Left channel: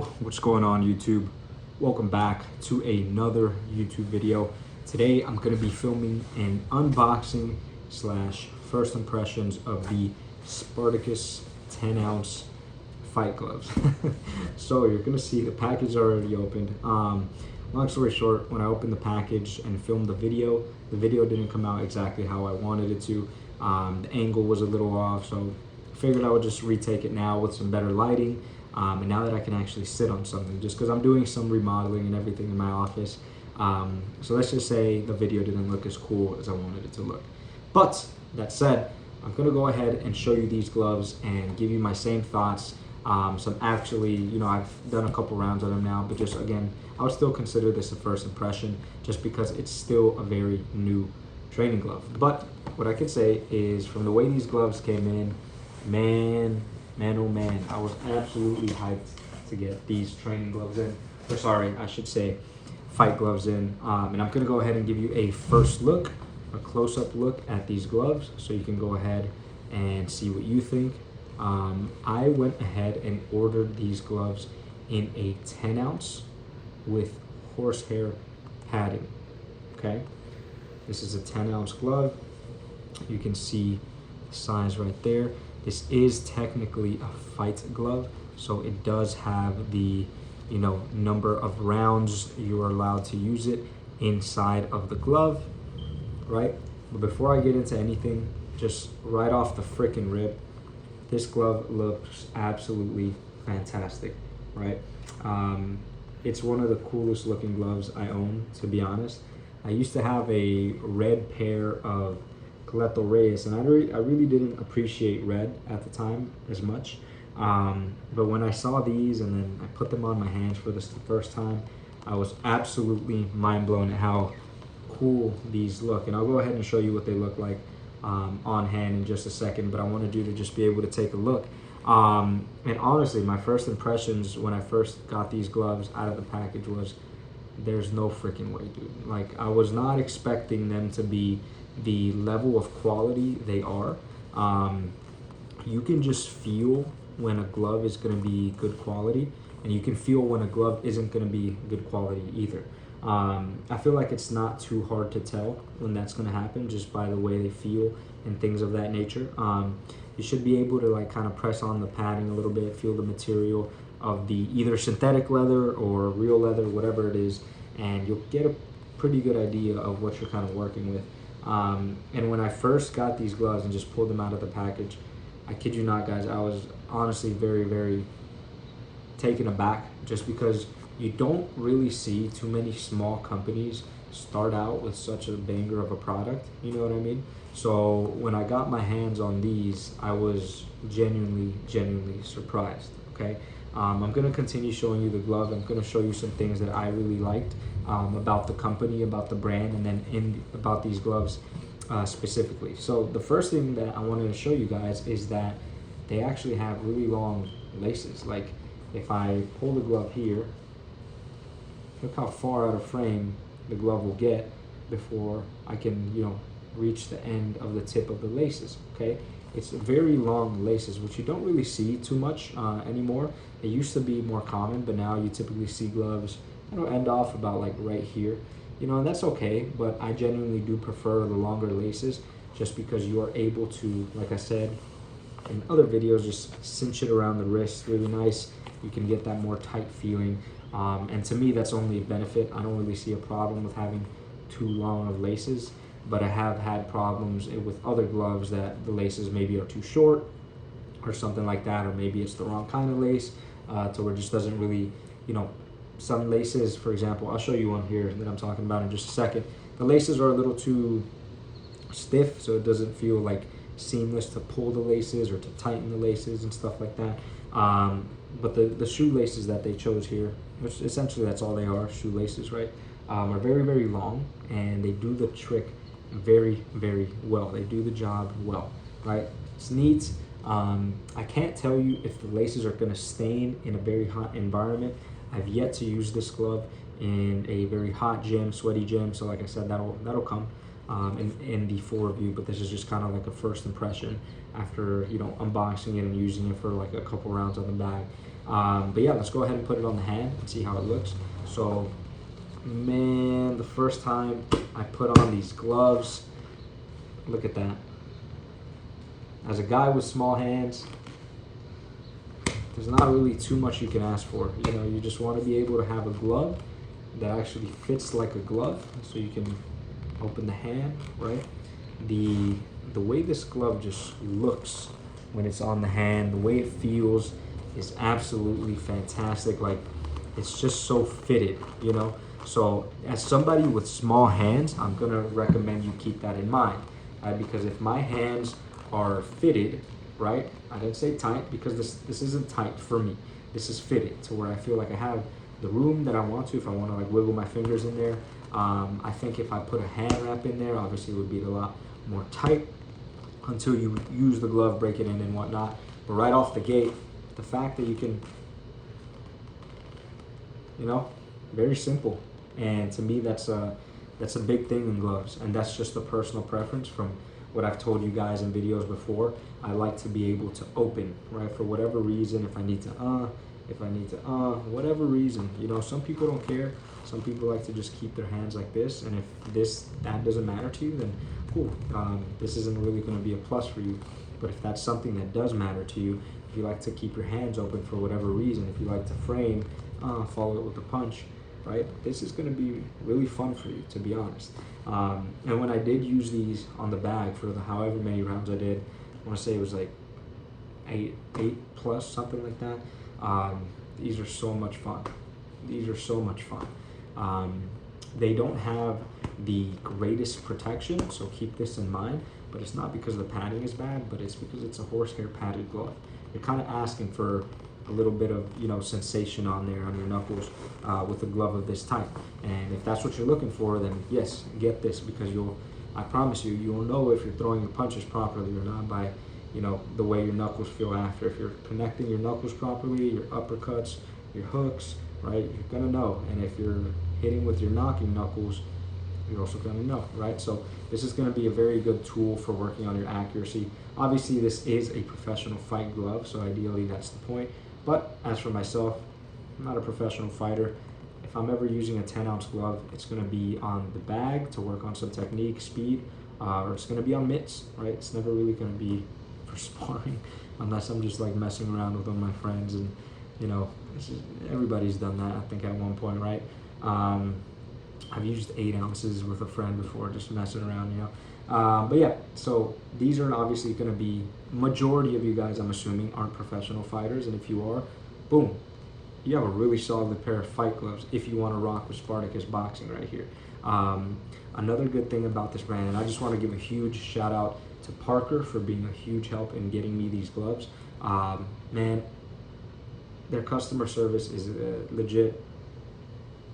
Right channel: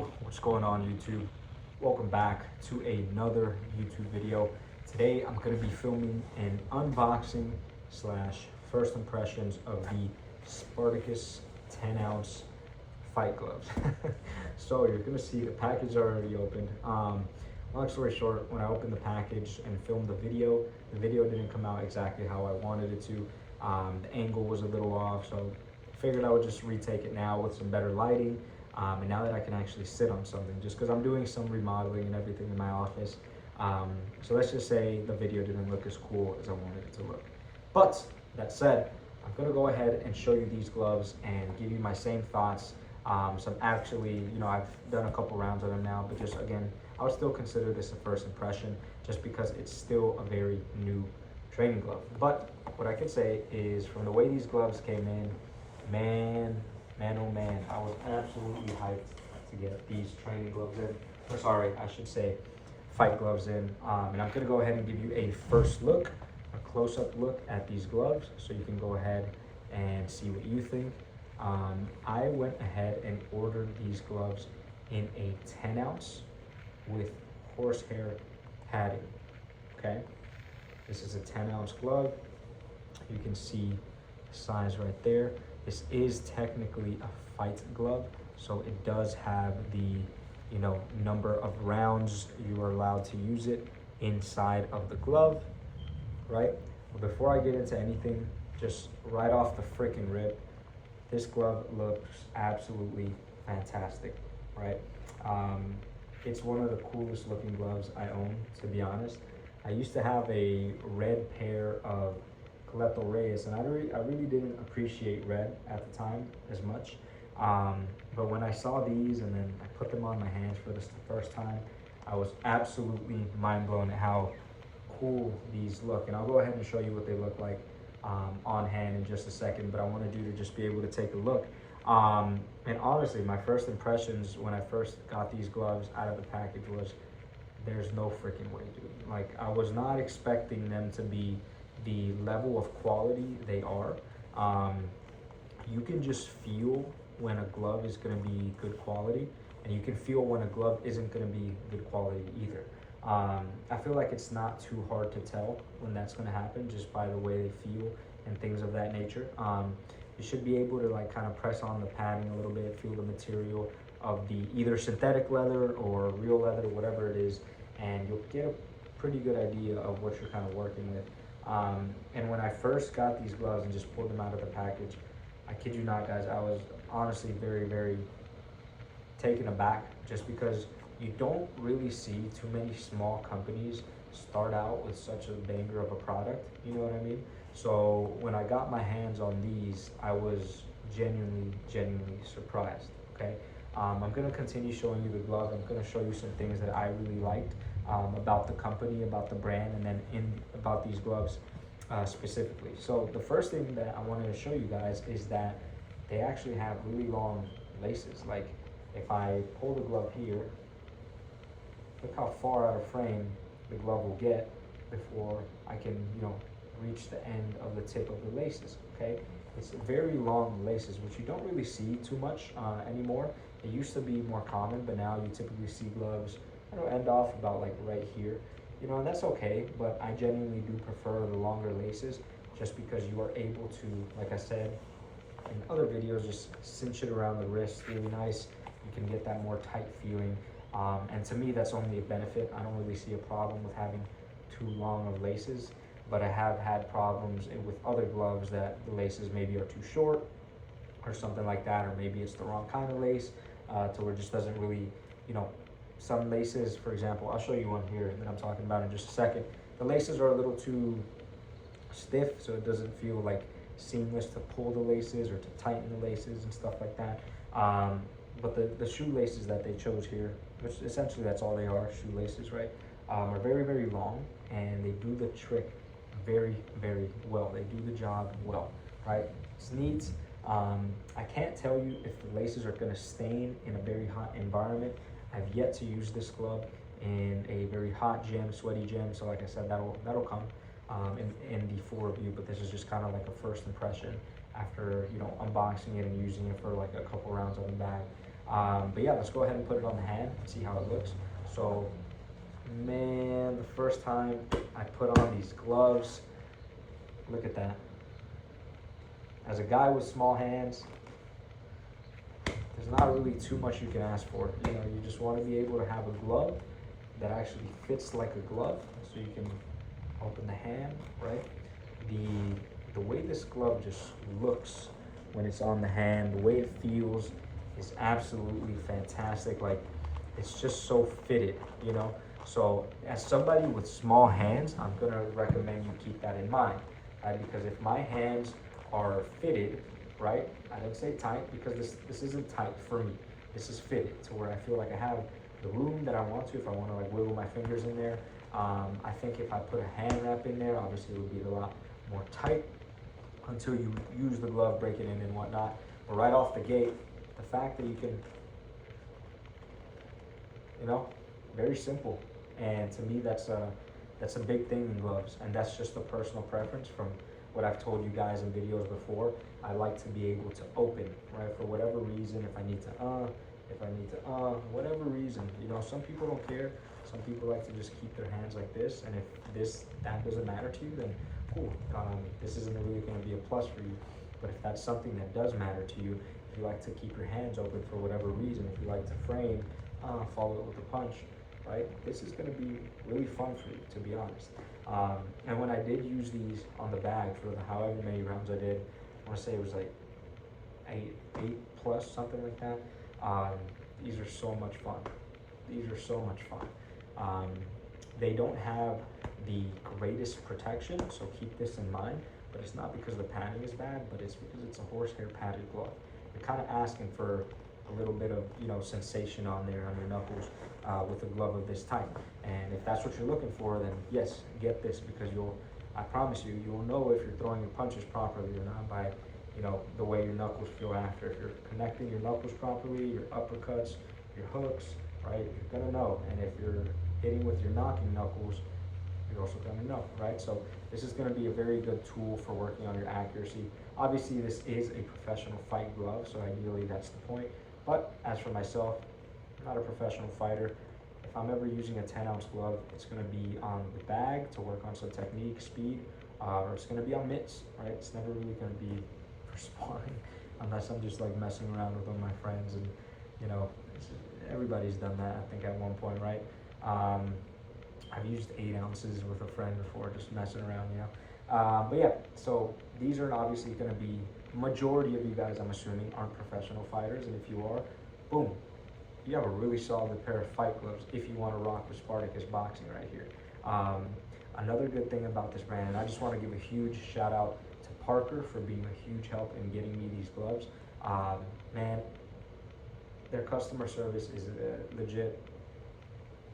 Yo, what's going on YouTube? Welcome back to another YouTube video. Today I'm going to be filming an unboxing slash first impressions of the Spartacus 10-ounce fight gloves. So you're going to see the package already opened. Long story short, when I opened the package and filmed the video didn't come out exactly how I wanted it to. The angle was a little off, so figured I would just retake it now with some better lighting. And now that I can actually sit on something, just because I'm doing some remodeling and everything in my office. So let's just say the video didn't look as cool as I wanted it to look. But that said, I'm gonna go ahead and show you these gloves and give you my same thoughts. Some actually, I've done a couple rounds on them now, but just again, I would still consider this a first impression just because it's still a very new training glove. But what I can say is from the way these gloves came in, man, oh man, I was absolutely hyped to get these training gloves in. Or sorry, I should say fight gloves in. And I'm gonna go ahead and give you a first look, a close-up look at these gloves so you can go ahead and see what you think. I went ahead and ordered these gloves in a 10-ounce with horsehair padding, okay? This is a 10-ounce glove. You can see the size right there. This is technically a fight glove, so it does have the, number of rounds you are allowed to use it inside of the glove, right? But before I get into anything, just right off the frickin' rip, this glove looks absolutely fantastic, right? It's one of the coolest looking gloves I own, to be honest. I used to have a red pair of Coletto Reyes, and I really didn't appreciate red at the time as much. But when I saw these and then I put them on my hands for the first time, I was absolutely mind blown at how cool these look. And I'll go ahead and show you what they look like on hand in just a second, but I wanted you to just be able to take a look. And honestly, my first impressions when I first got these gloves out of the package was, there's no freaking way, dude. Like, I was not expecting them to be the level of quality they are. You can just feel when a glove is going to be good quality, and you can feel when a glove isn't going to be good quality either. I feel like it's not too hard to tell when that's going to happen just by the way they feel and things of that nature. You should be able to like kind of press on the padding a little bit, feel the material of the either synthetic leather or real leather, whatever it is, and you'll get a pretty good idea of what you're kind of working with. And when I first got these gloves and just pulled them out of the package, I kid you not, guys, I was honestly very, very taken aback, just because you don't really see too many small companies start out with such a banger of a product, you know what I mean? So when I got my hands on these, I was genuinely surprised, okay? I'm gonna continue showing you the glove. I'm gonna show you some things that I really liked about the company, about the brand, and then about these gloves specifically. So the first thing that I wanted to show you guys is that they actually have really long laces. Like, if I pull the glove here, look how far out of frame the glove will get before I can, reach the end of the tip of the laces, okay? It's very long laces, which you don't really see too much anymore. It used to be more common, but now you typically see gloves, end off about like right here, and that's okay, but I genuinely do prefer the longer laces just because you are able to, like I said in other videos, just cinch it around the wrist really nice. You can get that more tight feeling. And to me, that's only a benefit. I don't really see a problem with having too long of laces, but I have had problems with other gloves that the laces maybe are too short or something like that, or maybe it's the wrong kind of lace to where it just doesn't really, some laces, for example, I'll show you one here that I'm talking about in just a second. The laces are a little too stiff, so it doesn't feel like seamless to pull the laces or to tighten the laces and stuff like that. But the shoelaces that they chose here, which essentially that's all they are, shoelaces, right, are very, very long, and they do the trick very, very well. They do the job well, right? It's neat. I can't tell you if the laces are going to stain in a very hot environment. I've yet to use this glove in a very hot gym, sweaty gym, so like I said, that'll come in the 4 review, but this is just kind of like a first impression after unboxing it and using it for like a couple rounds on the bag. But yeah, let's go ahead and put it on the hand and see how it looks. So, man, the first time I put on these gloves, look at that. As a guy with small hands, there's not really too much you can ask for. You know, you just want to be able to have a glove that actually fits like a glove, so you can open the hand, right? The way this glove just looks when it's on the hand, the way it feels is absolutely fantastic. Like, it's just so fitted, you know? So as somebody with small hands, I'm gonna recommend you keep that in mind, right? Because if my hands are fitted, right? I didn't say tight, because this isn't tight for me. This is fitted to where I feel like I have the room that I want to, if I want to like wiggle my fingers in there. I think if I put a hand wrap in there, obviously it would be a lot more tight until you use the glove, break it in and whatnot. But right off the gate, the fact that you can, you know, very simple. And to me, that's a big thing in gloves, and that's just a personal preference from what I've told you guys in videos before. I like to be able to open, right, for whatever reason. If I need to, whatever reason, you know, some people don't care. Some people like to just keep their hands like this, and if that doesn't matter to you, then cool. This isn't really going to be a plus for you. But if that's something that does matter to you, if you like to keep your hands open for whatever reason, if you like to frame, follow it with a punch, right? This is going to be really fun for you, to be honest. And when I did use these on the bag for the however many rounds I did, I want to say it was like eight plus, something like that. These are so much fun. These are so much fun. They don't have the greatest protection, so keep this in mind. But it's not because the padding is bad, but it's because it's a horsehair padded glove. You're kind of asking for a little bit of, you know, sensation on there on your knuckles with a glove of this type. And if that's what you're looking for, then yes, get this, because I promise you, you'll know if you're throwing your punches properly or not by, you know, the way your knuckles feel after. If you're connecting your knuckles properly, your uppercuts, your hooks, right, you're gonna know. And if you're hitting with your knocking knuckles, you're also gonna know, right? So this is gonna be a very good tool for working on your accuracy. Obviously, this is a professional fight glove, so ideally that's the point. But as for myself, I'm not a professional fighter. If I'm ever using a 10-ounce glove, it's going to be on the bag to work on some technique, speed, or it's going to be on mitts, right? It's never really going to be for sparring, unless I'm just like messing around with one of my friends, and you know, everybody's done that, I think, at one point, right? I've used 8 ounces with a friend before, just messing around, you know. But yeah, so these are obviously going to be, majority of you guys, I'm assuming, aren't professional fighters, and if you are, boom, you have a really solid pair of fight gloves if you want to rock with Spartacus Boxing right here. Another good thing about this brand, and I just want to give a huge shout out to Parker for being a huge help in getting me these gloves. Man, their customer service is legit.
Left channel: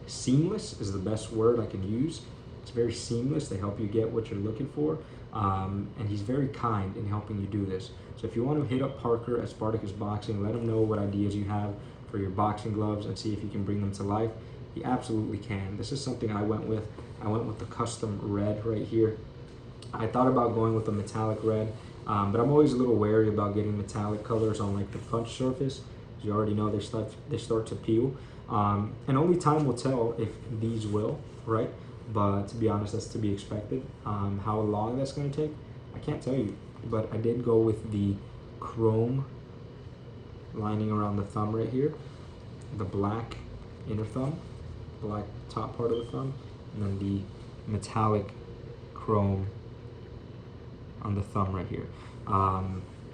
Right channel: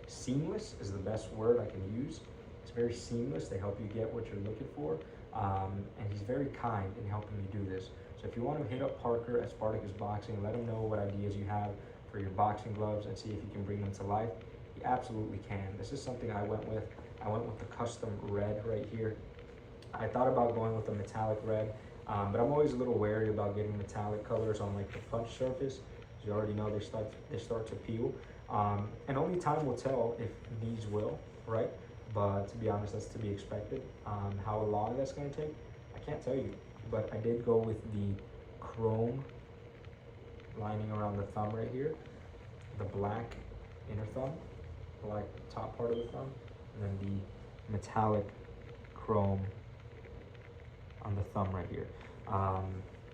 Seamless is the best word I can use. It's very seamless. They help you get what you're looking for. And he's very kind in helping you do this. So if you want to hit up Parker at Spartacus Boxing, let him know what ideas you have for your boxing gloves and see if you can bring them to life. He absolutely can. This is something I went with. I went with the custom red right here. I thought about going with a metallic red, but I'm always a little wary about getting metallic colors on like the punch surface. As you already know, they start to peel. And only time will tell if these will, right? But to be honest, that's to be expected. How long that's going to take, I can't tell you. But I did go with the chrome lining around the thumb right here, the black inner thumb, black top part of the thumb, and then the metallic chrome on the thumb right here.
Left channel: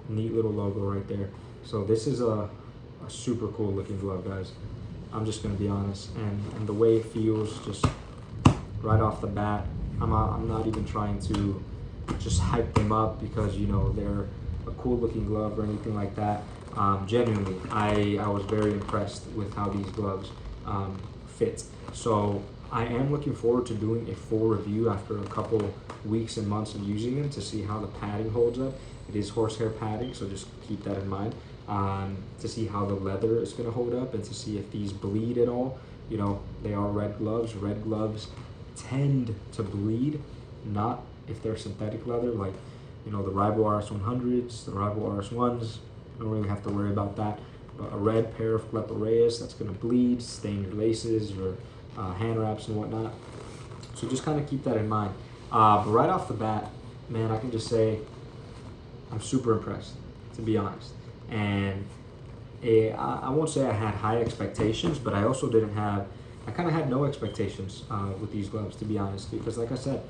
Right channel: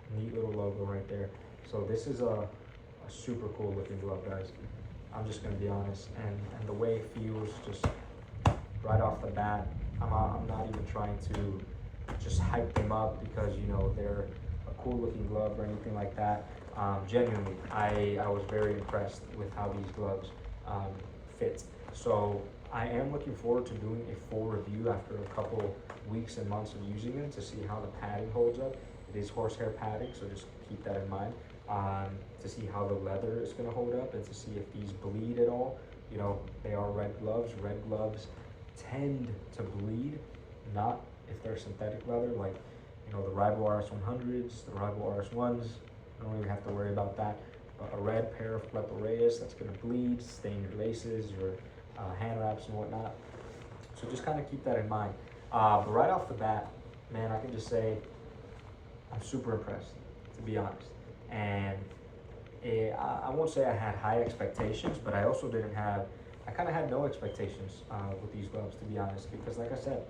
Neat little logo right there. So this is a super cool looking glove, guys. I'm just going to be honest. And the way it feels, just right off the bat, I'm not even trying to just hype them up because, you know, they're a cool looking glove or anything like that. Genuinely, I was very impressed with how these gloves fit. So I am looking forward to doing a full review after a couple weeks and months of using them to see how the padding holds up. It is horsehair padding, so just keep that in mind. To see how the leather is going to hold up and to see if these bleed at all. You know, they are red gloves. Red gloves tend to bleed, not if they're synthetic leather, like, you know, the Rival RS100s, the Rival RS1s. I don't really have to worry about that. a red pair of Clepa Reyes that's going to bleed, stain your laces, your hand wraps and whatnot. So just kind of keep that in mind. But right off the bat, man, I can just say I'm super impressed, to be honest. And I won't say I had high expectations, but I also didn't have, I kind of had no expectations with these gloves, to be honest, because like I said,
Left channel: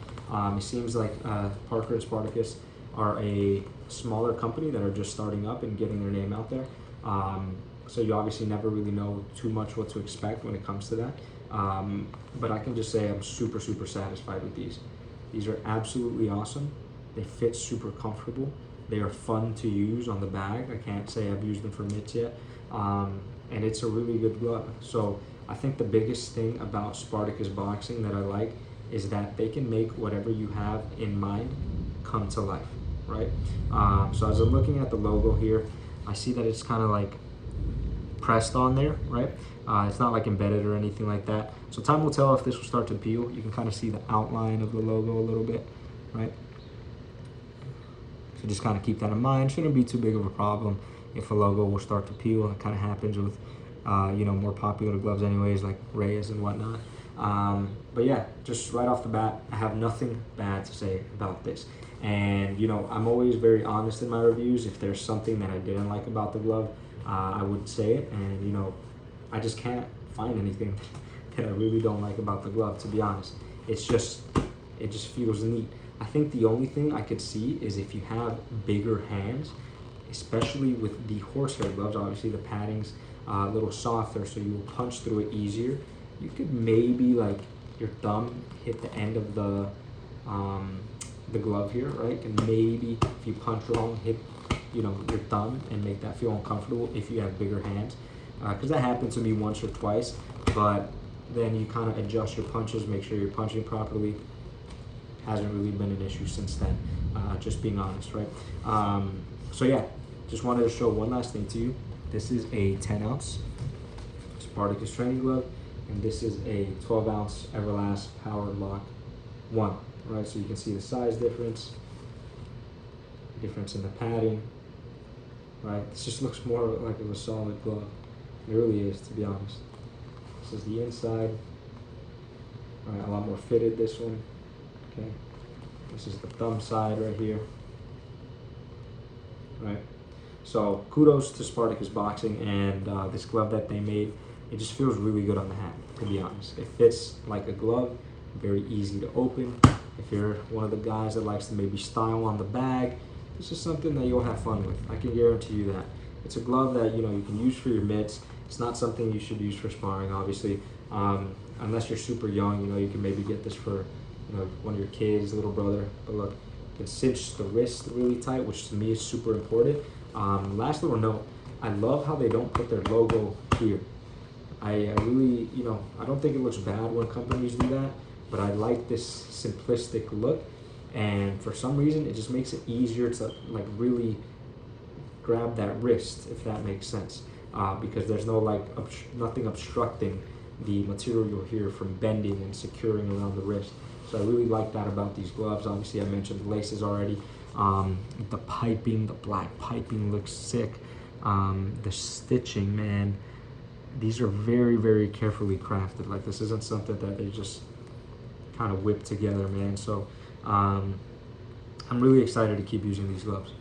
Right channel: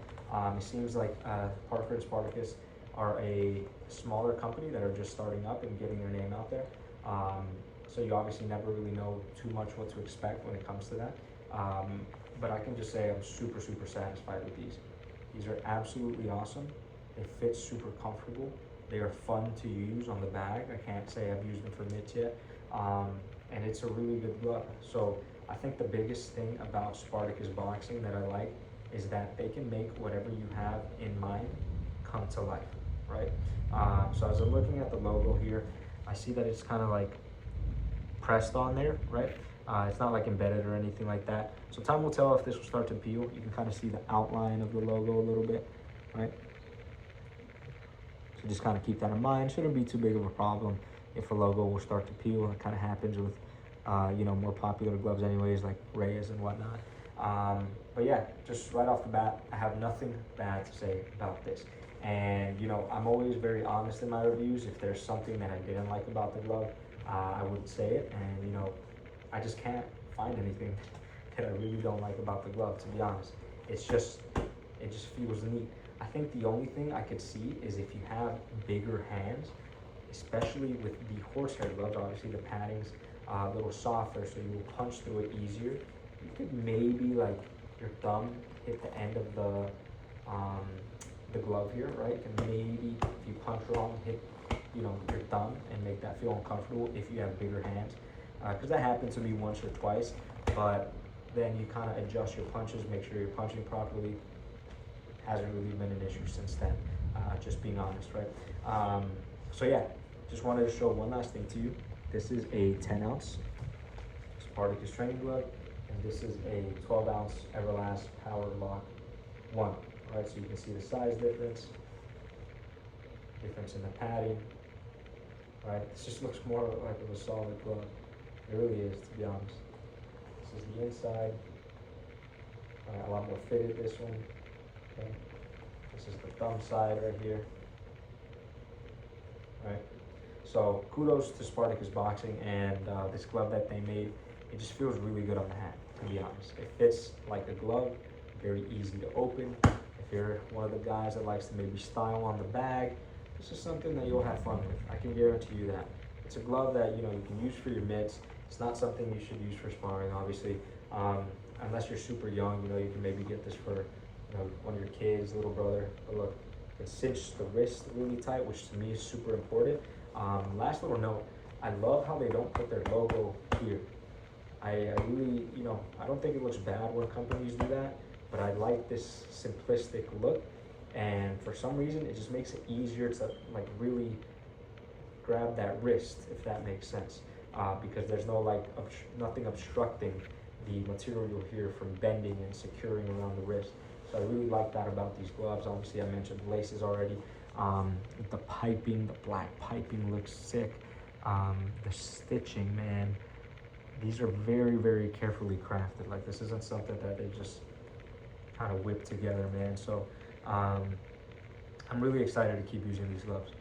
it seems like Parker and Spartacus are a smaller company that are just starting up and getting their name out there. So you obviously never really know too much what to expect when it comes to that. But I can just say I'm super, super satisfied with these. These are absolutely awesome. They fit super comfortable. They are fun to use on the bag. I can't say I've used them for mitts yet. And it's a really good glove. So I think the biggest thing about Spartacus boxing that I like is that they can make whatever you have in mind come to life, right? So as I'm looking at the logo here, I see that it's kind of like pressed on there, right? It's not like embedded or anything like that. So time will tell if this will start to peel. You can kind of see the outline of the logo a little bit, right? So just kind of keep that in mind. Shouldn't be too big of a problem if a logo will start to peel. It kind of happens with, you know, more popular gloves anyways, like Reyes and whatnot. But yeah, just right off the bat, I have nothing bad to say about this. And, you know, I'm always very honest in my reviews. If there's something that I didn't like about the glove, I would say it. And, you know, I just can't find anything that I really don't like about the glove, to be honest. It's just, it just feels neat. I think the only thing I could see is if you have bigger hands, especially with the horsehair gloves, obviously the padding's a little softer, so you will punch through it easier. You could maybe, like, your thumb hit the end of the glove here, right? And maybe if you punch wrong, hit, you know, your thumb and make that feel uncomfortable if you have bigger hands. Because that happened to me once or twice, but then you kind of adjust your punches, make sure you're punching properly. Hasn't really been an issue since then, just being honest, right? So yeah, just wanted to show one last thing to you. This is a 10-ounce Spartacus training glove, and this is a 12-ounce Everlast Power Lock 1, right? So you can see the size difference in the padding, right? This just looks more like of a solid glove. It really is, to be honest. This is the inside. Right, a lot more fitted, this one. Okay. This is the thumb side right here. Right. So kudos to Spartacus Boxing and this glove that they made. It just feels really good on the hand, to be honest. It fits like a glove, very easy to open. If you're one of the guys that likes to maybe style on the bag, this is something that you'll have fun with. I can guarantee you that. It's a glove that, you know, you can use for your mitts. It's not something you should use for sparring, obviously. Unless you're super young, you know, you can maybe get this for, you know, one of your kids, little brother. But look, you can cinch the wrist really tight, which to me is super important. Last little note, I love how they don't put their logo here. I really, you know, I don't think it looks bad when companies do that, but I like this simplistic look. And for some reason, it just makes it easier to, like, really grab that wrist, if that makes sense. Because there's no, like, nothing obstructing the material here from bending and securing around the wrist. So I really like that about these gloves. Obviously, I mentioned the laces already. The piping, the black piping looks sick. The stitching, man, these are very, very carefully crafted. Like, this isn't something that they just kind of whip together, man. So I'm really excited to keep using these gloves,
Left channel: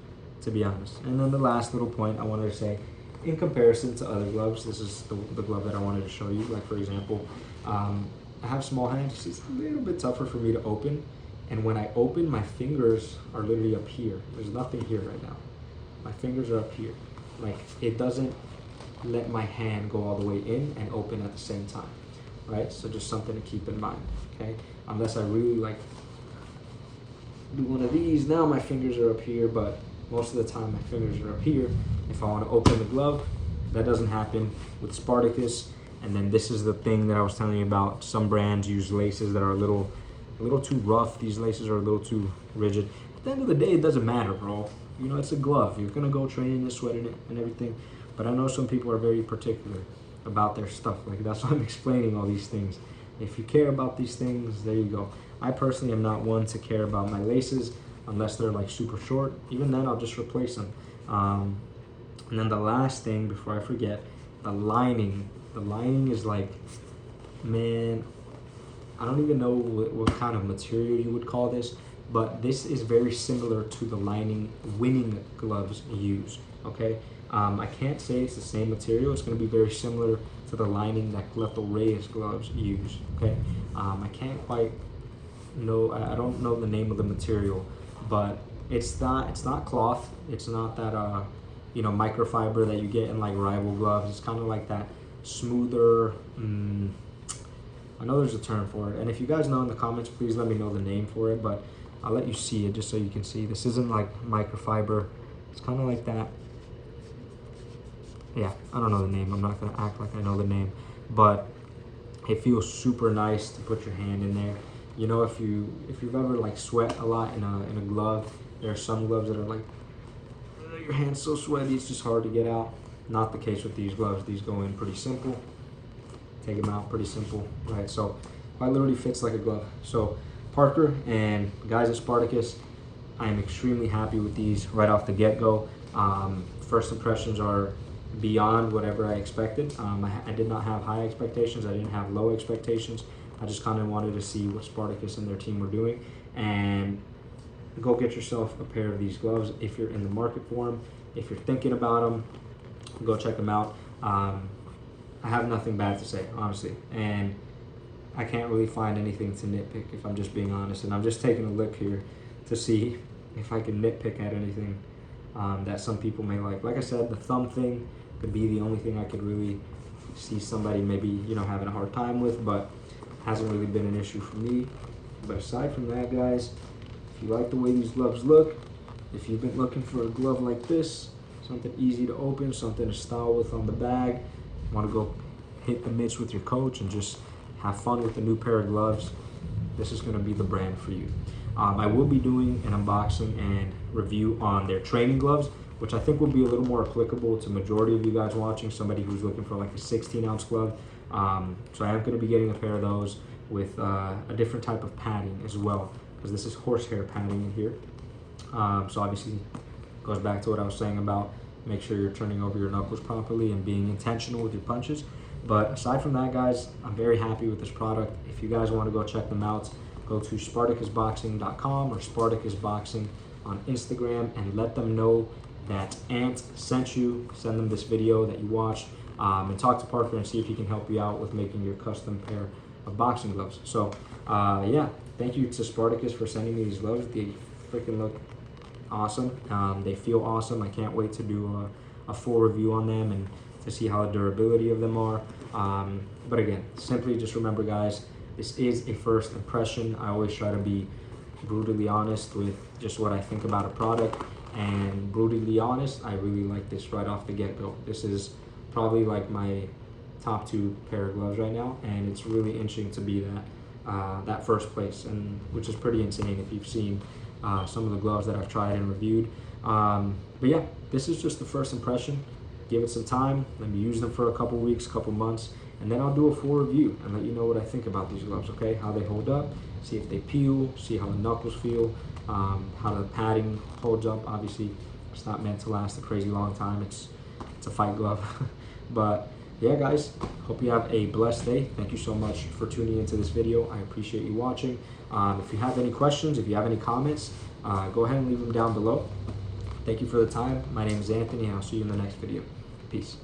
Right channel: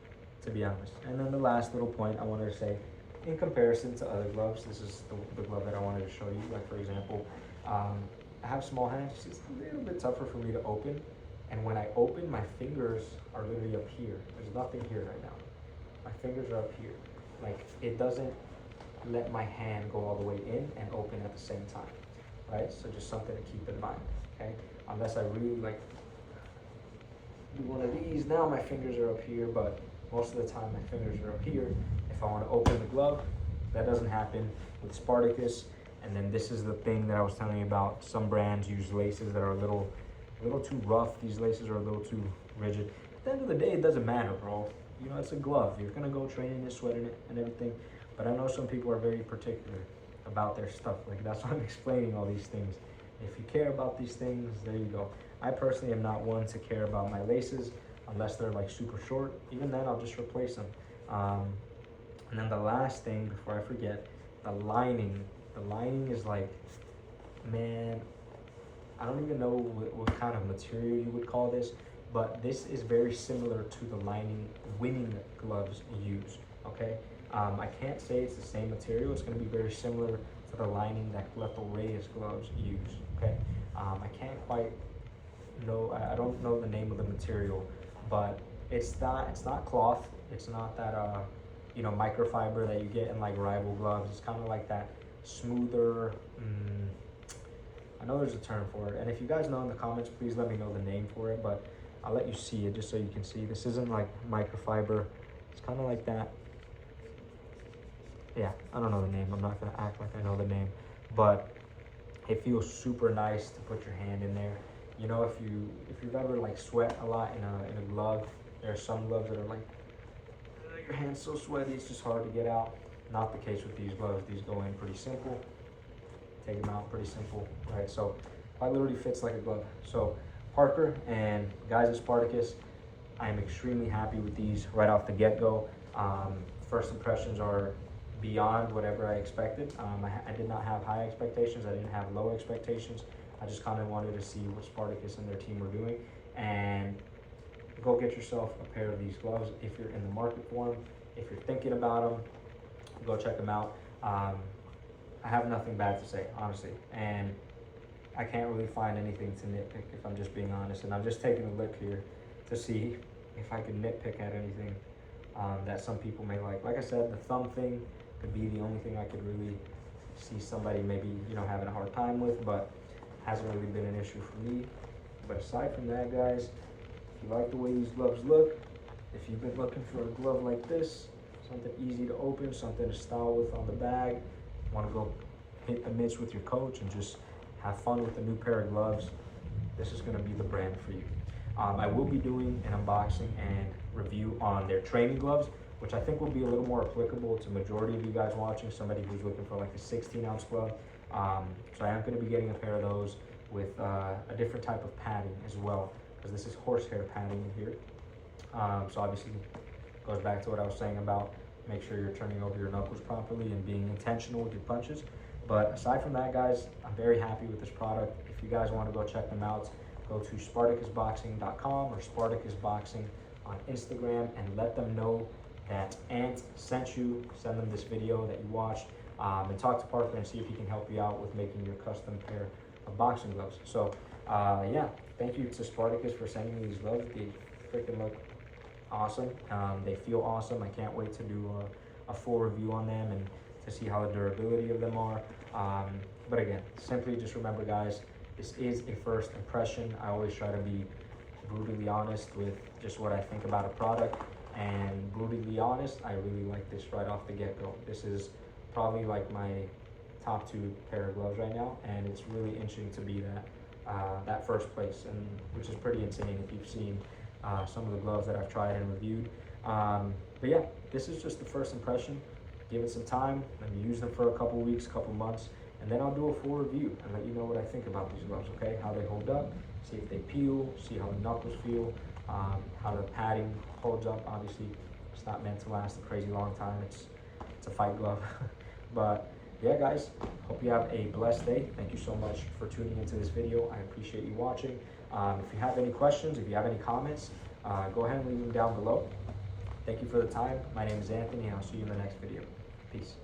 to be honest. And then the last little point I wanted to say, in comparison to other gloves, this is the glove that I wanted to show you. Like, for example, I have small hands. It's a little bit tougher for me to open. And when I open, my fingers are literally up here. There's nothing here right now. My fingers are up here. Like, it doesn't let my hand go all the way in and open at the same time, right? So just something to keep in mind, okay? Unless I really, like, do one of these, now my fingers are up here, but most of the time my fingers are up here. If I want to open the glove, that doesn't happen with Spartacus. And then this is the thing that I was telling you about. Some brands use laces that are a little too rough. These laces are a little too rigid. At the end of the day, it doesn't matter, bro. You know, it's a glove. You're gonna go training and sweating it and everything. But I know some people are very particular about their stuff. Like, that's why I'm explaining all these things. If you care about these things, there you go. I personally am not one to care about my laces unless they're, like, super short. Even then, I'll just replace them. And then the last thing before I forget, the lining. The lining is like, man, I don't even know what kind of material you would call this, but this is very similar to the lining winning gloves use, okay? I can't say it's the same material. It's going to be very similar to the lining that Lethal Reyes gloves use, okay? I can't quite know, I don't know the name of the material, but it's not cloth. It's not that, you know, microfiber that you get in like rival gloves. It's kind of like that smoother, I know there's a term for it, and if you guys know in the comments, please let me know the name for it, but I'll let you see it just so you can see. This isn't like microfiber. It's kind of like that. Yeah, I don't know the name. I'm not going to act like I know the name, but it feels super nice to put your hand in there. You know, if you've ever like sweat a lot in a glove, there are some gloves that are like, your hand's so sweaty, it's just hard to get out. Not the case with these gloves. These go in pretty simple. Take them out pretty simple, right? So quite literally fits like a glove. So Parker and guys at Spartacus, I am extremely happy with these right off the get-go. First impressions are beyond whatever I expected. I did not have high expectations. I didn't have low expectations. I just kind of wanted to see what Spartacus and their team were doing. And go get yourself a pair of these gloves if you're in the market for them. If you're thinking about them, go check them out. I have nothing bad to say, honestly, and I can't really find anything to nitpick if I'm just being honest. And I'm just taking a look here to see if I can nitpick at anything that some people may like. Like I said, the thumb thing could be the only thing I could really see somebody maybe, you know, having a hard time with, but hasn't really been an issue for me. But aside from that, guys, if you like the way these gloves look, if you've been looking for a glove like this, something easy to open, something to style with on the bag, want to go hit the mitts with your coach and just have fun with a new pair of gloves, this is going to be the brand for you. I will be doing an unboxing and review on their training gloves, which I think will be a little more applicable to majority of you guys watching, somebody who's looking for like a 16-ounce glove. So I am going to be getting a pair of those with a different type of padding as well, because this is horsehair padding in here. So obviously it goes back to what I was saying about make sure you're turning over your knuckles properly and being intentional with your punches. But aside from that, guys, I'm very happy with this product. If you guys want to go check them out, go to spartacusboxing.com or spartacusboxing on Instagram and let them know that Ant sent you. Send them this video that you watched, and talk to Parker and see if he can help you out with making your custom pair of boxing gloves. So yeah, thank you to Spartacus for sending me these gloves. They freaking look awesome. They feel awesome. I can't wait to do a full review on them and to see how the durability of them are. But again, simply just remember, guys, this is a first impression. I always try to be brutally honest with just what I think about a product, and brutally honest, I really like this right off the get-go. This is probably like my top 2 pair of gloves right now, and it's really interesting to be that first place, and which is pretty insane if you've seen some of the gloves that I've tried and reviewed. But yeah, this is just the first impression. Give it some time. Let me use them for a couple weeks, couple months, and then I'll do a full review and let you know what I think about these gloves, okay? How they hold up, see if they peel, see how the knuckles feel, how the padding holds up. Obviously, it's not meant to last a crazy long time. It's a fight glove. But yeah, guys, hope you have a blessed day. Thank you so much for tuning into this video. I appreciate you watching. If you have any questions, if you have any comments, go ahead and leave them down below. Thank you for the time. My name is Anthony, and I'll see you in the next video. Peace.